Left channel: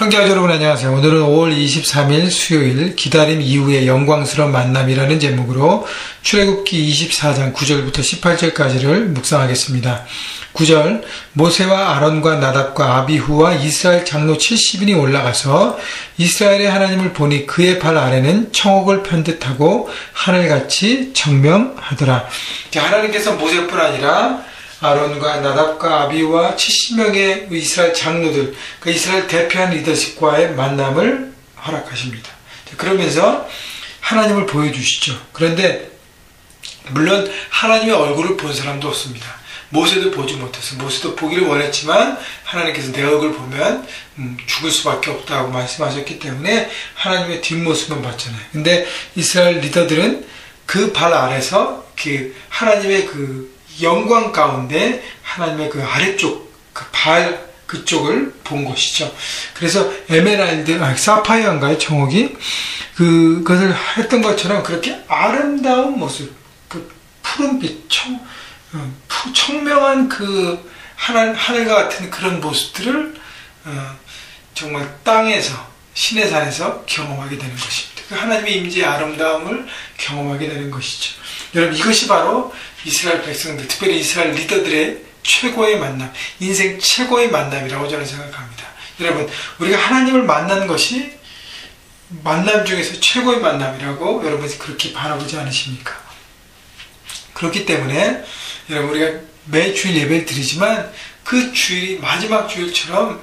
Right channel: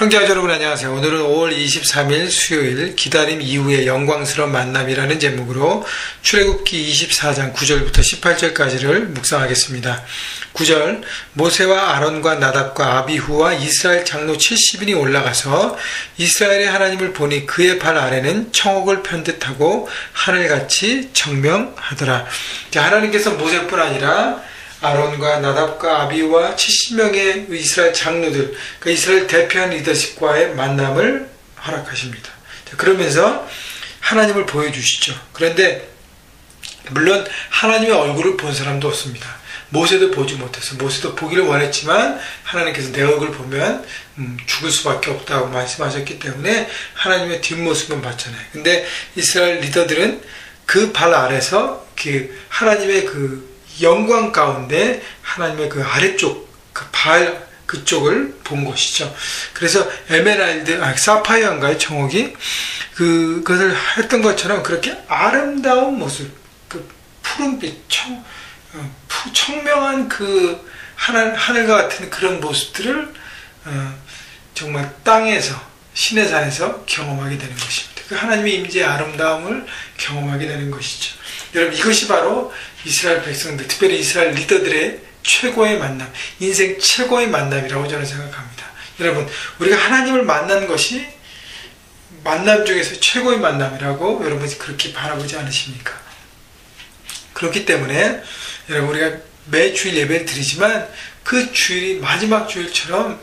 형제와 여러분 안녕하세요. 오늘은 5월 23일 수요일 기다림 이후의 영광스러운 만남이라는 제목으로 출애굽기 24장 9절부터 18절까지를 묵상하겠습니다. 9절 모세와 아론과 나답과 아비후와 이스라엘 장로 70인이 올라가서 이스라엘의 하나님을 보니 그의 발 아래는 청옥을 편듯하고 하늘같이 청명하더라. 하나님께서 모세뿐 아니라 아론과 나답과 아비후와 70명의 이스라엘 장로들, 그 이스라엘 대표한 리더십과의 만남을 허락하십니다. 그러면서 하나님을 보여주시죠. 그런데 물론 하나님의 얼굴을 본 사람도 없습니다. 모세도 보지 못해서, 모세도 보기를 원했지만 하나님께서 내 얼굴 보면 죽을 수밖에 없다고 말씀하셨기 때문에 하나님의 뒷모습만 봤잖아요. 근데 이스라엘 리더들은 그 발 아래서 그 하나님의 그 영광 가운데 하나님의 그 아래쪽, 그 발, 그쪽을 본 것이죠. 그래서 에메랄드, 사파이어인가요? 청옥이? 그것을 했던 것처럼 그렇게 아름다운 모습, 그 푸른빛, 청명한 그 하늘과 같은 그런 모습들을 정말 땅에서, 신의 산에서 경험하게 되는 것입니다. 그 하나님의 임재의 아름다움을 경험하게 되는 것이죠. 여러분, 이것이 바로 이스라엘 백성들, 특별히 이스라엘 리더들의 최고의 만남, 인생 최고의 만남이라고 저는 생각합니다. 여러분, 우리가 하나님을 만난 것이 만남 중에서 최고의 만남이라고 여러분이 그렇게 바라보지 않으십니까? 그렇기 때문에 여러분, 우리가 매 주일 예배를 드리지만 그 주일이 마지막 주일처럼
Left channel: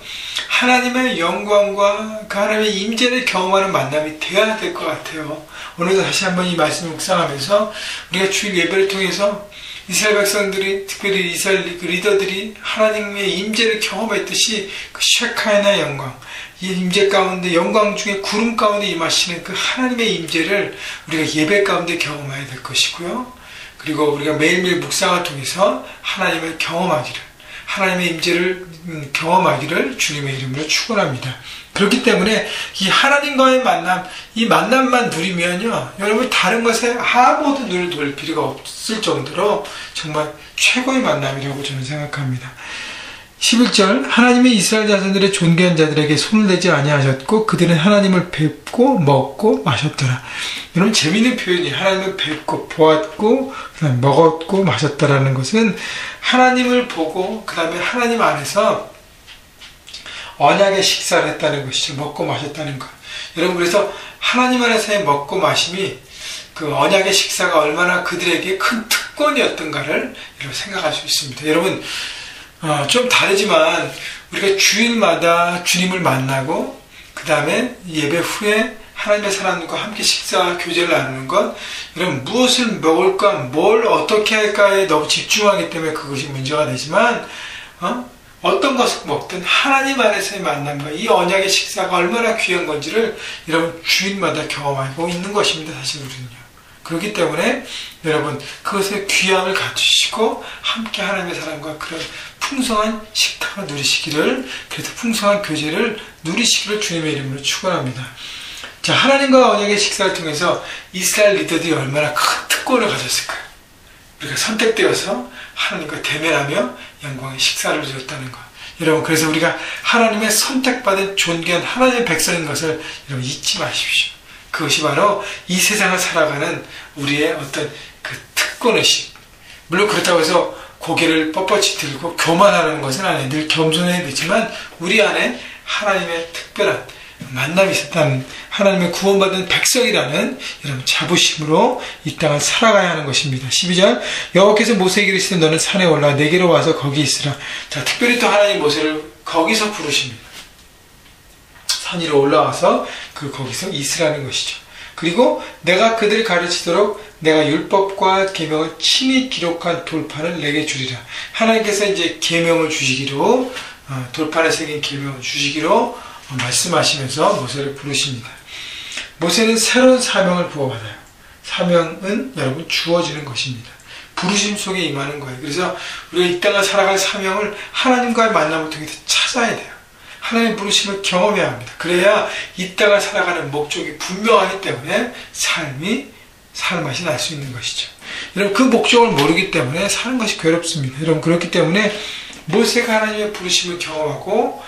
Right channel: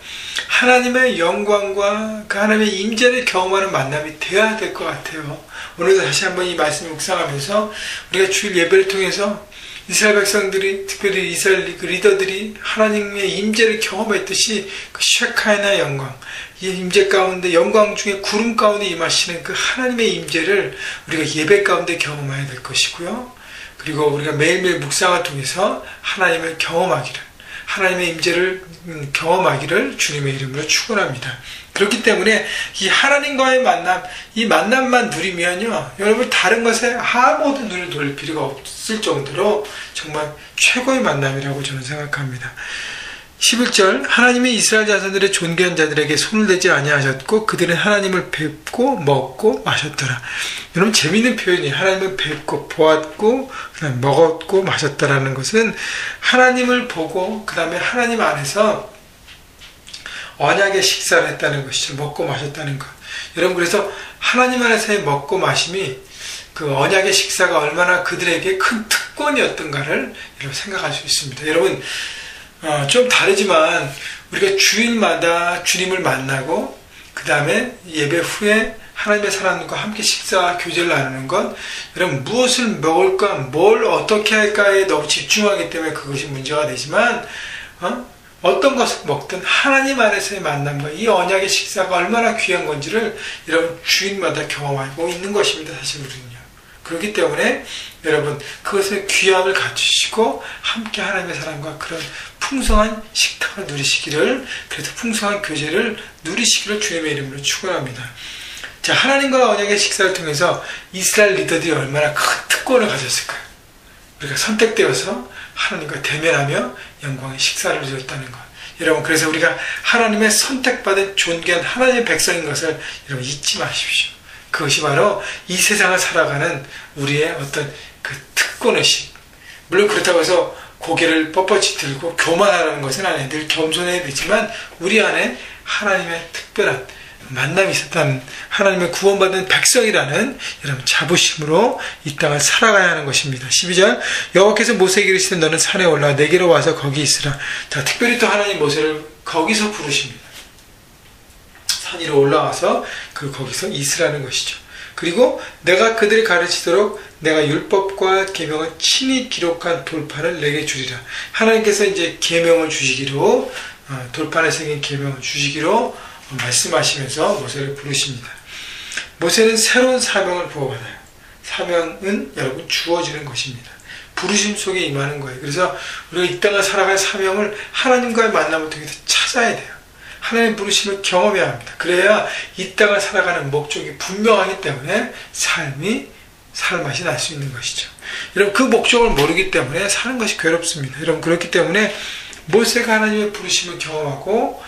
하나님의 영광과 그 하나님의 임재를 경험하는 만남이 되어야 될 것 같아요. 오늘도 다시 한번 이 말씀을 묵상하면서 우리가 주일 예배를 통해서 이스라엘 백성들이, 특별히 이스라엘 리더들이 하나님의 임재를 경험했듯이 그 쉐카이나 영광, 이 임재 가운데, 영광 중에 구름 가운데 임하시는 그 하나님의 임재를 우리가 예배 가운데 경험해야 될 것이고요. 그리고 우리가 매일매일 묵상을 통해서 하나님을 경험하기를, 하나님의 임재를 경험하기를 주님의 이름으로 축원합니다. 그렇기 때문에 이 하나님과의 만남, 이 만남만 누리면요, 여러분 다른 것에 아무것도 눈을 돌릴 필요가 없을 정도로 정말 최고의 만남이라고 저는 생각합니다. 11절 하나님이 이스라엘 자손들의 존귀한 자들에게 손을 대지 아니하셨고 그들은 하나님을 뵙고 먹고 마셨더라. 여러분, 재미있는 표현이 하나님을 뵙고 보았고 먹었고 마셨다라는 것은 하나님을 보고 그 다음에 하나님 안에서 언약의 식사를 했다는 것이죠. 먹고 마셨다는 것. 여러분, 그래서 하나님 안에서의 먹고 마심이 그 언약의 식사가 얼마나 그들에게 큰 특권이었던가를 여러분 생각할 수 있습니다. 여러분, 좀 다르지만 우리가 주일마다 주님을 만나고 그 다음에 예배 후에 하나님의 사람들과 함께 식사와 교제를 나누는 것, 여러분 무엇을 먹을까, 뭘 어떻게 할까에 너무 집중하기 때문에 그것이 문제가 되지만 어떤 것을 먹든 하나님 안에서의 만남과 이 언약의 식사가 얼마나 귀한 건지를 여러분 주일마다 경험하고 있는 것입니다. 사실 우리는요. 그렇기 때문에 여러분 그것의 귀함을 갖추시고 함께 하나님의 사람과 그런 풍성한 식탁을 누리시기를, 그래서 풍성한 교제를 누리시기를 주님의 이름으로 축원합니다. 자, 하나님과 언약의 식사를 통해서 이스라엘 리더들이 얼마나 큰 특권을 가졌을까요? 우리가 선택되어서 하나님과 대면하며 영광의 식사를 누렸다는 것. 여러분, 그래서 우리가 하나님의 선택받은 존귀한 하나님의 백성인 것을 여러분 잊지 마십시오. 그것이 바로 이 세상을 살아가는 우리의 어떤 그 특권의식. 물론 그렇다고 해서 고개를 뻣뻣이 들고 교만하는 것은 아니에요. 늘 겸손해야 되지만 우리 안에 하나님의 특별한 만남이 있었다는, 하나님의 구원받은 백성이라는 여러분 자부심으로 이 땅을 살아가야 하는 것입니다. 12절 여호와께서 모세에게 이르시되 너는 산에 올라 내게로 와서 거기 있으라. 자, 특별히 또 하나님 모세를 거기서 부르십니다. 산 위로 올라와서 거기서 있으라는 것이죠. 그리고 내가 그들을 가르치도록 내가 율법과 계명을 친히 기록한 돌판을 내게 주리라. 하나님께서 이제 계명을 주시기로, 돌판에 생긴 계명을 주시기로 말씀하시면서 모세를 부르십니다. 모세는 새로운 사명을 부어받아요. 사명은 여러분 주어지는 것입니다. 부르심 속에 임하는 거예요. 그래서 우리가 이 땅을 살아갈 사명을 하나님과의 만남을 통해서 찾아야 돼요. 하나님의 부르심을 경험해야 합니다. 그래야 이 땅을 살아가는 목적이 분명하기 때문에 살 맛이 날 수 있는 것이죠. 여러분, 그 목적을 모르기 때문에 사는 것이 괴롭습니다. 여러분, 그렇기 때문에 모세가 하나님의 부르심을 경험하고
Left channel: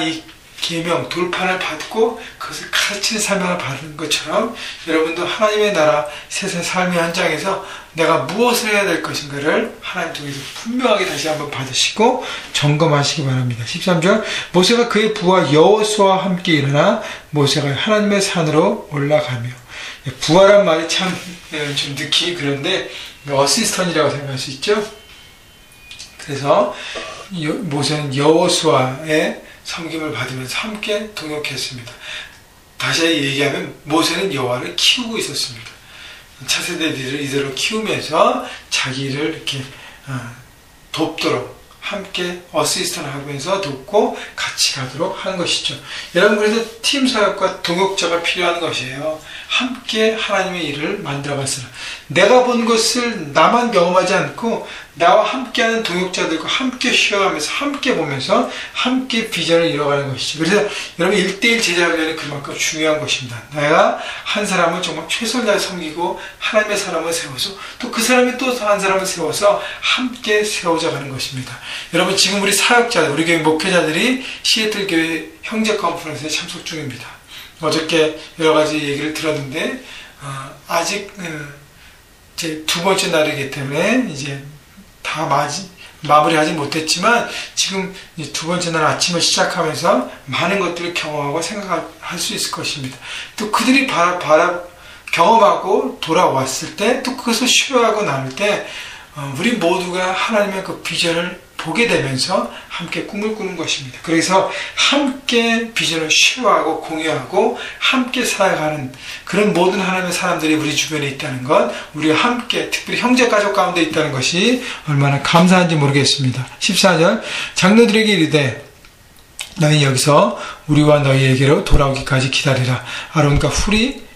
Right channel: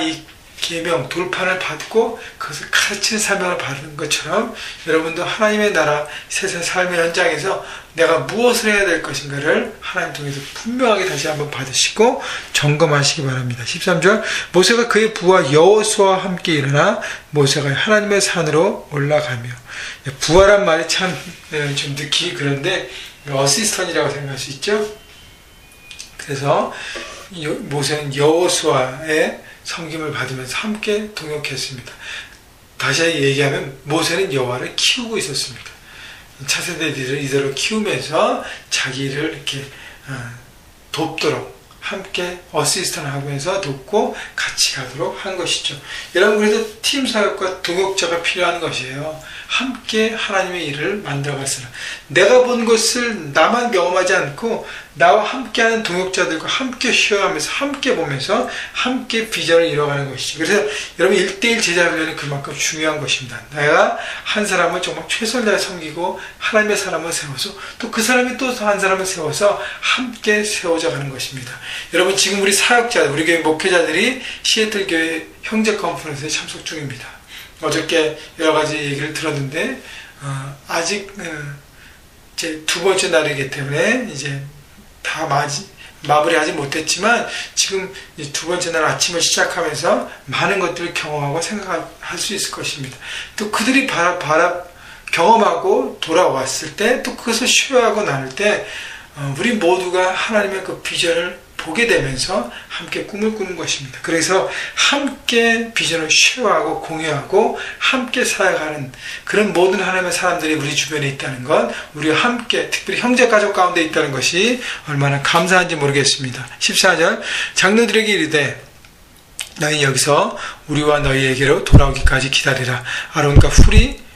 이 계명, 돌판을 받고 그것을 가르치는 사명을 받은 것처럼 여러분도 하나님의 나라 세상 삶의 현장에서 내가 무엇을 해야 될 것인가를 하나님 통해서 분명하게 다시 한번 받으시고 점검하시기 바랍니다. 13절 모세가 그의 부하 여호수아와 함께 일어나 모세가 하나님의 산으로 올라가며, 부하란 말이 참 좀 듣기 그런데 어시스턴이라고 생각할 수 있죠. 그래서 모세는 여호수아의 섬김을 받으면서 함께 동역했습니다. 다시 얘기하면 모세는 여호와를 키우고 있었습니다. 차세대들을 이대로 키우면서 자기를 이렇게 돕도록 함께 어시스턴 하면서 돕고 같이 가도록 한 것이죠. 여러분, 그래서 팀 사역과 동역자가 필요한 것이에요. 함께 하나님의 일을 만들어갔으나 내가 본 것을 나만 경험하지 않고 나와 함께하는 동역자들과 함께 쉬어가면서 함께 보면서 함께 비전을 이뤄가는 것이죠. 그래서 여러분 1대1 제자훈련이 그만큼 중요한 것입니다. 내가 한 사람은 정말 최선을 다해 섬기고 하나님의 사람을 세워서 또 그 사람이 또 한 사람을 세워서 함께 세워져 가는 것입니다. 여러분, 지금 우리 사역자들, 우리 교회 목회자들이 시애틀 교회 형제 컨퍼런스에 참석 중입니다. 어저께 여러 가지 얘기를 들었는데 아직 제 두 번째 날이기 때문에 이제 다 마무리하지 못했지만 지금 이제 두 번째 날 아침을 시작하면서 많은 것들을 경험하고 생각할 수 있을 것입니다. 또 그들이 경험하고 돌아왔을 때 또 그것을 쉬어하고 나눌 때 우리 모두가 하나님의 그 비전을 보게 되면서 함께 꿈을 꾸는 것입니다. 그래서 함께 비전을 쉐어하고 공유하고 함께 살아가는 그런 모든 하나님의 사람들이 우리 주변에 있다는 것, 우리와 함께 특별히 형제 가족 가운데 있다는 것이 얼마나 감사한지 모르겠습니다. 14절 장로들에게 이르되 너희 여기서 우리와 너희에게로 돌아오기까지 기다리라. 아론과 훌이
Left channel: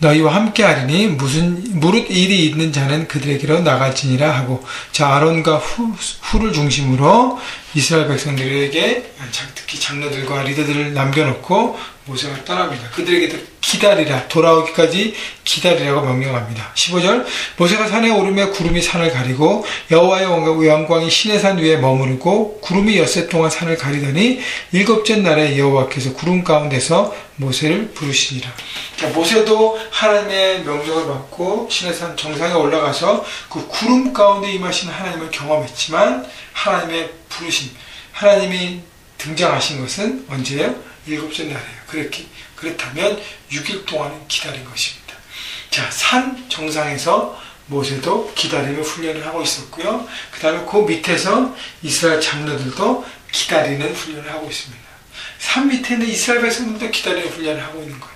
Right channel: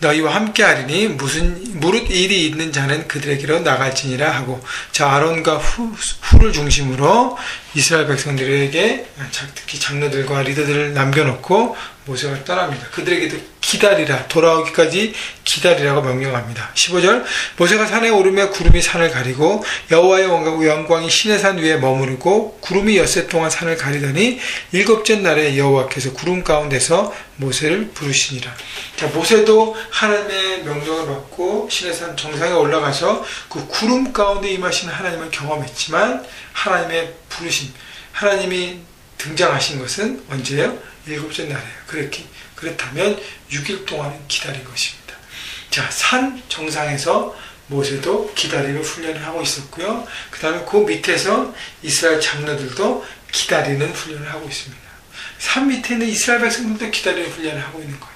너희와 함께 하리니 무릇 일이 있는 자는 그들에게로 나갈지니라 하고, 자, 아론과 훌을 중심으로 이스라엘 백성들에게 특히 장로들과 리더들을 남겨놓고 모세가 떠납니다. 그들에게도 기다리라, 돌아오기까지 기다리라고 명령합니다. 15절 모세가 산에 오르며 구름이 산을 가리고 여호와의 영광이 시내산 위에 머무르고 구름이 엿새 동안 산을 가리더니 일곱째 날에 여호와께서 구름 가운데서 모세를 부르시니라. 자, 모세도 하나님의 명령을 받고 시내산 정상에 올라가서 그 구름 가운데 임하시는 하나님을 경험했지만 하나님의 부르심, 하나님이 등장하신 것은 언제예요? 일곱째 날이에요. 그렇다면 6일 동안은 기다린 것입니다. 자, 산 정상에서 모세도 기다리는 훈련을 하고 있었고요. 그 다음에 그 밑에서 이스라엘 장로들도 기다리는 훈련을 하고 있습니다. 산 밑에 있는 이스라엘 백성들도 기다리는 훈련을 하고 있는 거예요.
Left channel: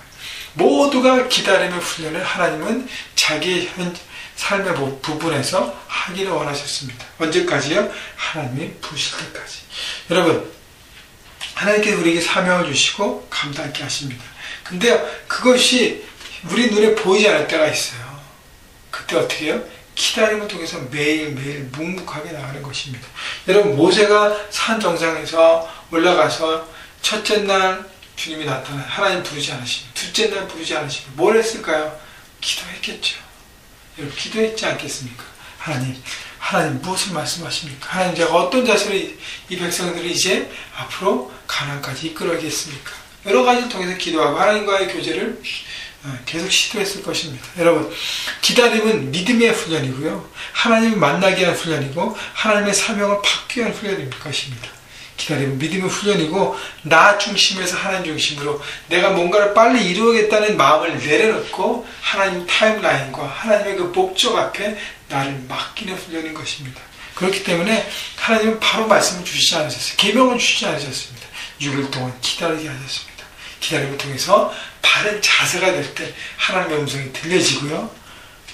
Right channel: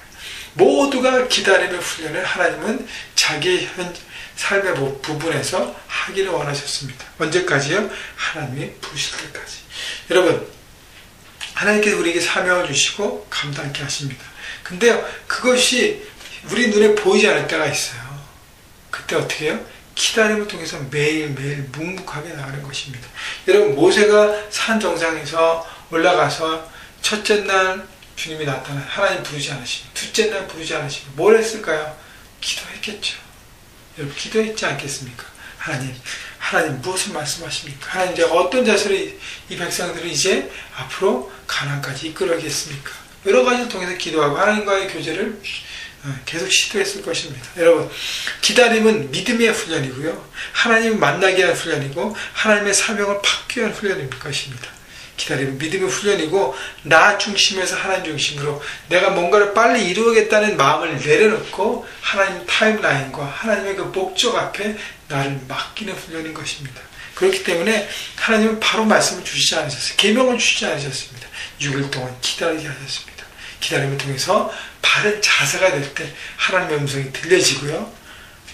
모두가 기다리는 훈련을 하나님은 자기의 삶의 부분에서 하기를 원하셨습니다. 언제까지요? 하나님이 부르실 때까지. 여러분, 하나님께서 우리에게 사명을 주시고 감당하게 하십니다. 근데요, 그것이 우리 눈에 보이지 않을 때가 있어요. 그때 어떻게 해요? 기다림을 통해서 매일매일 묵묵하게 나가는 것입니다. 여러분, 모세가 산 정상에서 올라가서 첫째 날 주님이 나타나 하나님 부르지 않으시고 둘째 날 부르지 않으시고 뭘 했을까요? 기도했겠죠. 여러분, 기도했지 않겠습니까? 하나님 무엇을 말씀하십니까? 하나님, 제가 어떤 자세로 이 백성들을 이제 앞으로 가나안까지 이끌어가겠습니까? 여러 가지를 통해서 기도하고 하나님과의 교제를 계속 시도했을 것입니다. 여러분, 기다림은 믿음의 훈련이고요, 하나님을 만나기 위한 훈련이고 하나님의 사명을 받기 위한 훈련일 것입니다. 기다림은 믿음의 훈련이고 나 중심에서 하나님 중심으로 내가 뭔가를 빨리 이루겠다는 마음을 내려놓고 하나님 타임라인과 하나님의 그 목적 앞에 나를 맡기는 훈련인 것입니다. 그렇기 때문에 하나님은 바로 말씀을 주시지 않으셨어요. 계명을 주시지 않으셨습니다. 6일 동안 기다리게 하셨습니다. 기다림을 통해서 바른 자세가 될 때 하나님의 음성이 들려지고요,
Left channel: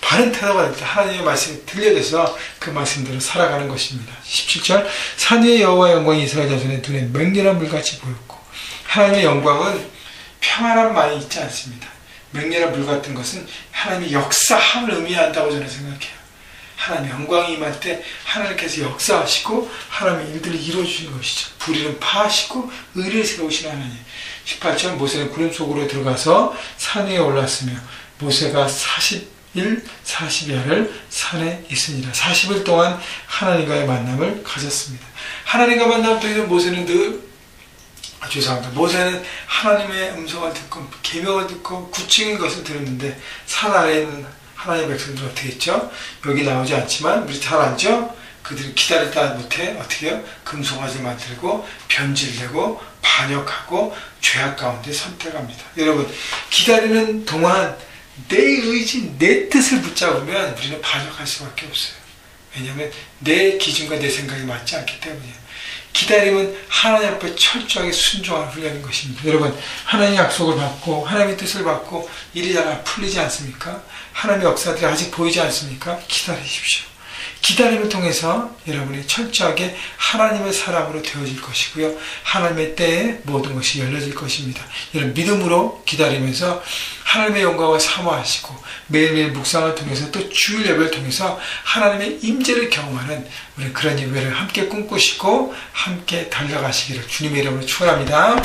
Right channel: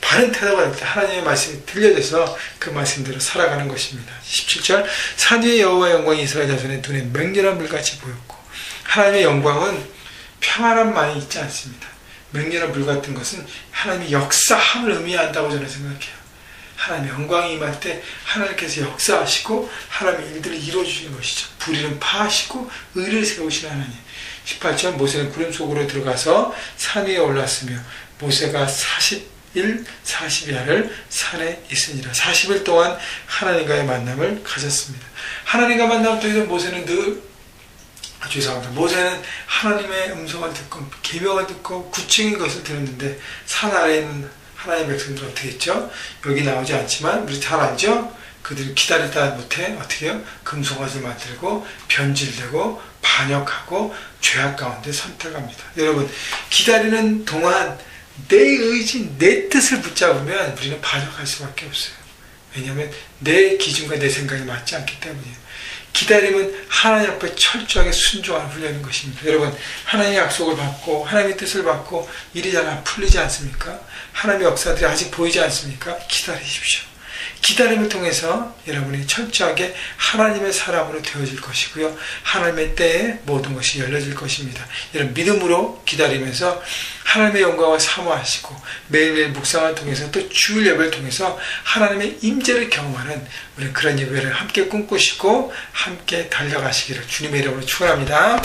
바른 태도가 될 때 하나님의 말씀이 들려져서 그 말씀대로 살아가는 것입니다. 17절 산 위의 여호와의 영광이 이스라엘 자손의 눈에 맹렬한 불같이 보였고, 하나님의 영광은 평안함만이 있지 않습니다. 맹렬한 불 같은 것은 하나님의 역사함을 의미한다고 저는 생각해요. 하나님의 영광이 임할 때 하나님께서 역사하시고 하나님의 일들을 이루어주시는 것이죠. 불의는 파하시고 의를 세우시는 하나님. 18절 모세는 구름 속으로 들어가서 산 위에 올랐으며 모세가 40일 40야를 산에 있으니라. 40일 동안 하나님과의 만남을 가졌습니다. 하나님과 만남을 통해서 모세는 늘 죄송합니다. 모세는 하나님의 음성을 듣고 계명을 듣고 구체적인 것을 들었는데 산 아래에 있는 하나님의 백성들 어떻게 했죠? 여기 나오지 않지만 우리 잘 알죠? 그들은 기다리다 못해 어떻게 해요? 금송아지를 만들고 변질되고 반역하고 죄악 가운데 선택합니다. 여러분, 기다리는 동안 내 의지, 내 뜻을 붙잡으면 우리는 반역할 수밖에 없어요. 왜냐하면 내 기준과 내 생각이 맞지 않기 때문이에요. 기다림은 하나님 앞에 철저하게 순종하는 훈련인 것입니다. 여러분, 하나님의 약속을 받고 하나님의 뜻을 받고 일이 잘 풀리지 않습니까? 하나님의 역사들이 아직 보이지 않습니까? 기다리십시오. 기다림을 통해서 여러분이 철저하게 하나님의 사람으로 되어질 것이고요. 하나님의 때에 모든 것이 열려질 것입니다. 이런 믿음으로 기다리면서 하나님의 영광을 사모하시고 매일매일 묵상을 통해서 또 주일 예배를 통해서 하나님의 임재를 경험하는 우리 그런 예배를 함께 꿈꾸시고 함께 달려가시기를 주님의 이름으로 축원합니다.